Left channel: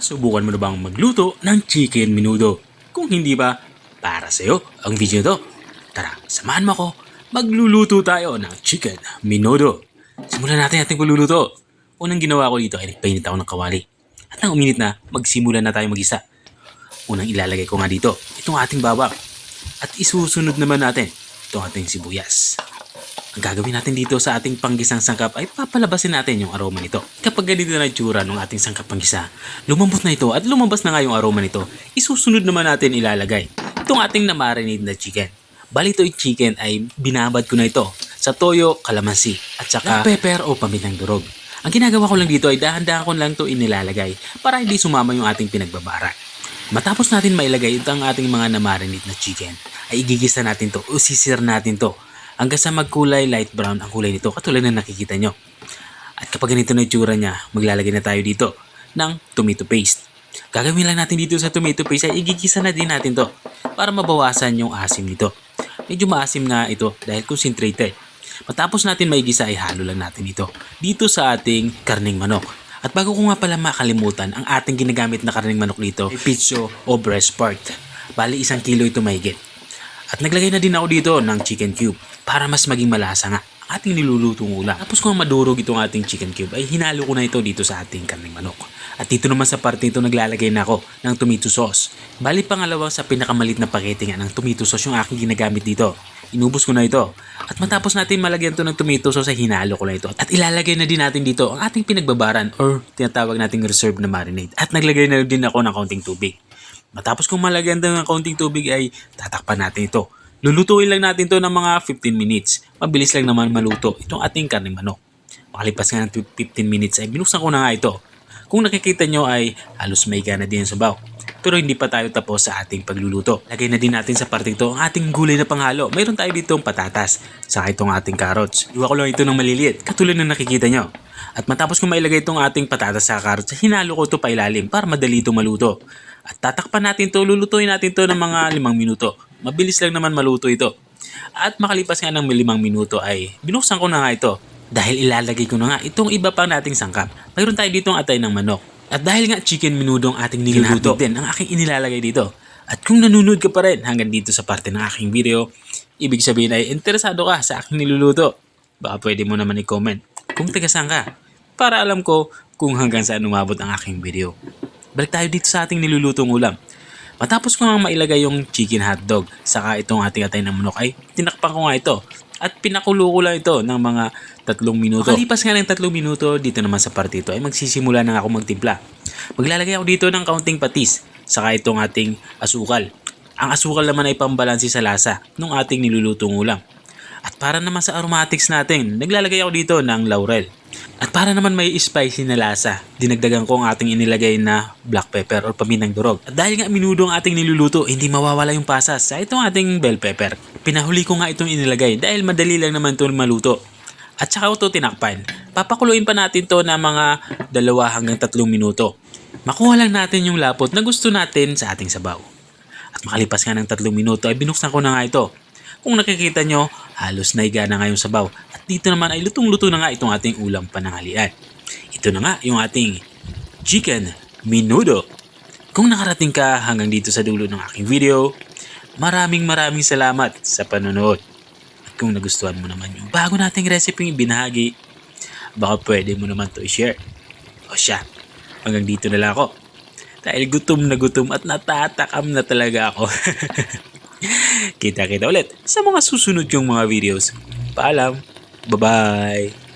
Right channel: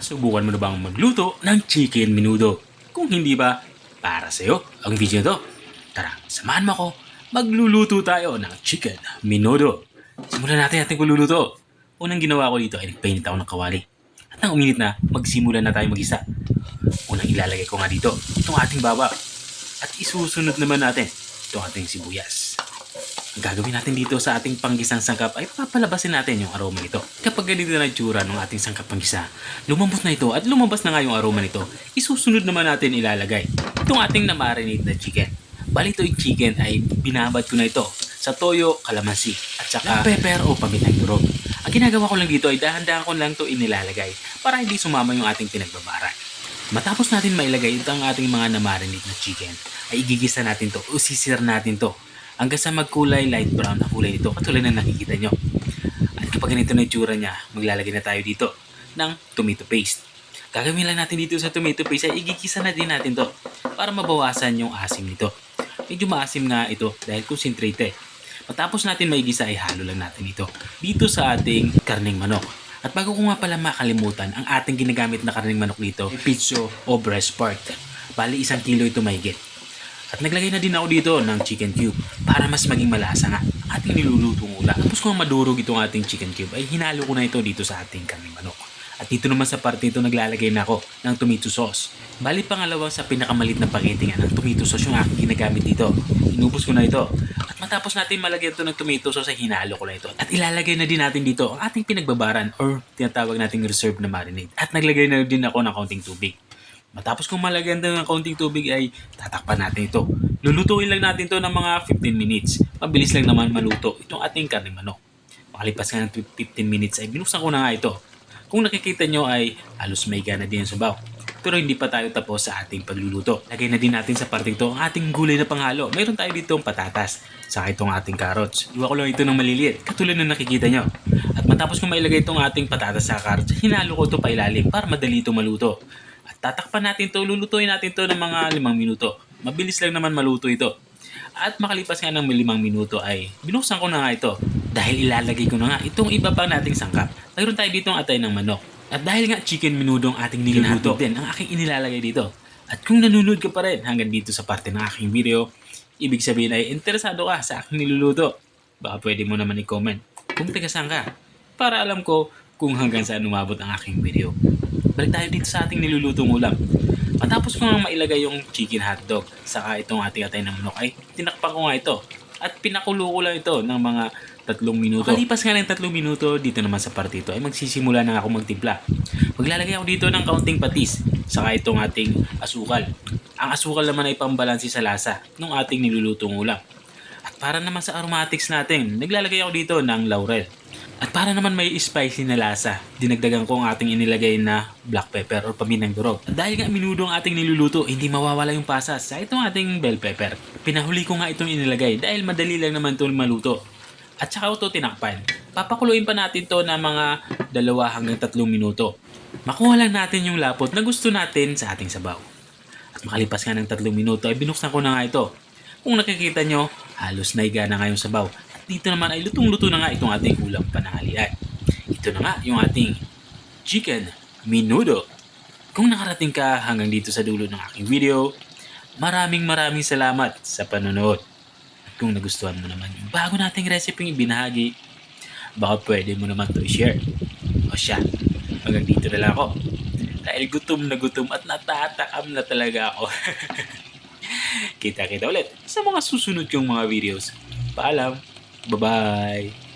Subukan mo na bang magluto ng chicken menudo? Kung hindi ba, para sa'yo ang video to. Tara, samahan mo ako. Magluluto tayo ng chicken menudo. Simulan natin ating pagluluto. Unang ginawa ko dito ay nagpainit ako ng kawali. At nang uminit na, magsimula na tayo mag-isa. Unang ilalagay ko nga dito, itong ating bawang. At isusunod naman natin itong ating sibuyas. Ang gagawin natin dito sa ating panggisang sangkap ay papalabasin natin yung aroma nito. Kapag ganito na itsura ng ating sangkap panggisa, lumambot na ito at lumabas na nga yung aroma nito, isusunod naman natin ilalagay itong ating na-marinate na chicken. Bali ito yung chicken ay binabad ko na ito sa toyo, kalamansi at saka pepper o pamitang durog. Ang ginagawa ko lang dito ay dahan-dahan ko lang ito inilalagay para hindi sumama yung ating pinagbabaran. Matapos natin mailagay itong ating mga na-marinate na chicken, ay igigisa natin to o sisir natin to hanggang sa magkulay light brown ang kulay nito katulad na nakikita nyo. At kapag ganito na itsura niya, maglalagay na tayo dito ng tomato paste. Gagawin lang natin dito sa tomato paste ay igigisa na din natin to para mabawasan yung asim nito. Medyo maasim nga ito dahil concentrated. Matapos natin maigisa ay halo lang natin ito dito sa ating karneng manok. At bago ko nga pala makalimutan, ang ating ginagamit na karneng manok dito ay pitso o breast part. Bali 1 kilo ito mahigit. At naglagay na din ako dito ng chicken cube para mas maging malasa nga ang ating nilulutong ulam. Tapos kung madurog itong ating chicken cube ay hinalo ko na ito dito sa ating karneng manok. At dito naman sa parte ito naglalagay na ako ng tomato sauce. Bali pangalawa sa pinakamalit na pakete nga ng tomato sauce yung aking ginagamit dito. Inubos ko na ito. At matapos natin malagyan ito ng tomato sauce ay hinalo ko na ito. At ilalagay na din natin dito ang ating pinagbabaran or tinatawag nating reserve na marinade. At naglagay na din ako ng kaunting tubig. Matapos kung malagyan ng kaunting tubig ay tatakpan natin ito. Lulutuin lang natin ito ng mga 15 minutes. Mabilis lang naman maluto itong ating karneng manok. Makalipas nga ng 15 minutes ay binuksan ko na nga ito. Kung nakikita nyo ay halos may gana din yung sabaw. Pero hindi pa tayo tapos sa ating pagluluto. Lagay na din natin sa parte ito ang ating gulay na panghalo. Mayroon tayo dito ang patatas. Saka itong ating carrots. Luwa ko lang ito ng maliliit. Katulad na nakikita nyo. At matapos kung mailagay itong ating patatas sa carrots, hinalo ko ito pa ilalim para madali ito maluto. At tatakpan natin ito, lulutuin natin ito ng mga 5 minuto. Mabilis lang naman maluto ito. At makalipas nga ng 5 minuto ay binuksan ko na nga ito. Dahil ilalagay ko na nga itong iba pang nating sangkap. Mayroon tayo ditong atay ng manok. At dahil nga chicken menudo ang ating niluluto din ang aking inilalagay dito. At kung nanonood ka pa rin hanggang dito sa parte ng aking video, ibig sabihin ay interesado ka sa aking niluluto. Baka pwede mo naman i-comment kung taga saan ka para alam ko kung hanggang saan umabot ang aking video. Balik tayo dito sa ating nilulutong ulam. Matapos ko nga mailagay yung chicken hotdog saka itong ating atay ng manok ay tinakpan ko nga ito at pinakulo ko lang ito ng mga 3 minuto. Makalipas nga ng 3 minuto dito naman sa parte ito ay magsisimula na ako magtimpla. Maglalagay ako dito ng kaunting patis saka itong ating asukal. Ang asukal naman ay pambalansi sa lasa ng ating nilulutong ulam. At para naman sa aromatics natin, naglalagay ako dito ng laurel. At para naman may spicy na lasa, dinagdagan ko ang ating inilagay na black pepper or paminang durog. At dahil nga menudo ang ating niluluto, hindi mawawala yung pasas sa itong ating bell pepper. Pinahuli ko nga itong inilagay dahil madali lang naman ito maluto. At saka ito tinakpan. Papakuluin pa natin to na mga 2 hanggang 3 minuto. Makuha lang natin yung lapot na gusto natin sa ating sabaw. At makalipas nga ng 3 minuto ay binuksan ko na nga ito. Kung nakikita nyo, halos naiga na nga yung sabaw. At dito naman ay lutong-luto na nga itong ating ulam pananghalian. Ito na nga yung ating chicken menudo. Kung nakarating ka hanggang dito sa dulo ng aking video, maraming salamat sa panonood. At kung nagustuhan mo naman yung bago nating recipe ibinahagi, baka pwede mo naman to i-share. O siya, hanggang dito na lang ako. Dahil gutom na gutom at natatakam na talaga ako. Kita-kita ulit sa mga susunod yung mga videos. Paalam. Bye-bye.